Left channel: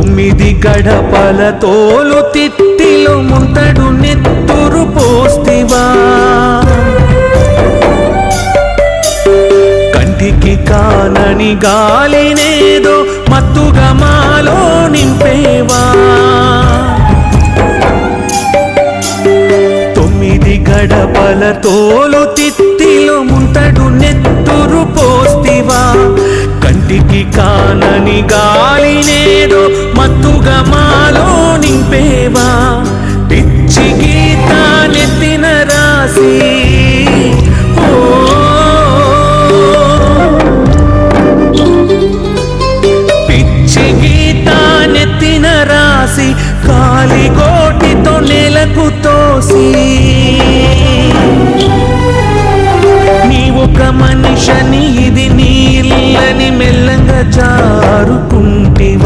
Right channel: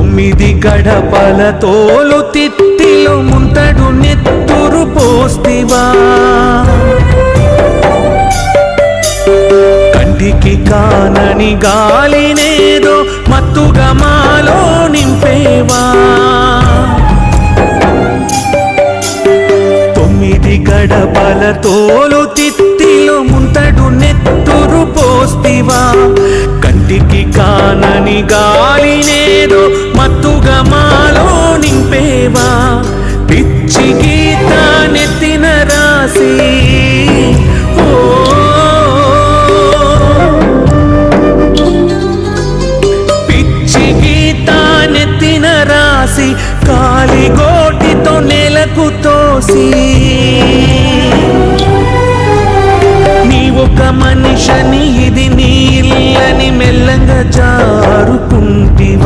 9 గడపల తోలు తిత్తిలో ముంతడు నెత్తురు పోస్తివా కంటికి కానని గాలినేదో మత్తుగా మాలో నింపేవా 9 గడపల తోలు తిత్తిలో ముంతడు నెత్తురు పోస్తివా కంటికి కానని గాలినేదో మత్తుగా మాలో నింపేవా పిచ్చి గీత నెత్తిన రాసి పిచ్చి గీత నెత్తిన రాసి కాలిగోటితో నెలకు తోసి నీ ఒక మనిషిని ఇది నీ ఇల్లని మెల్లంగా జారుకుంటివా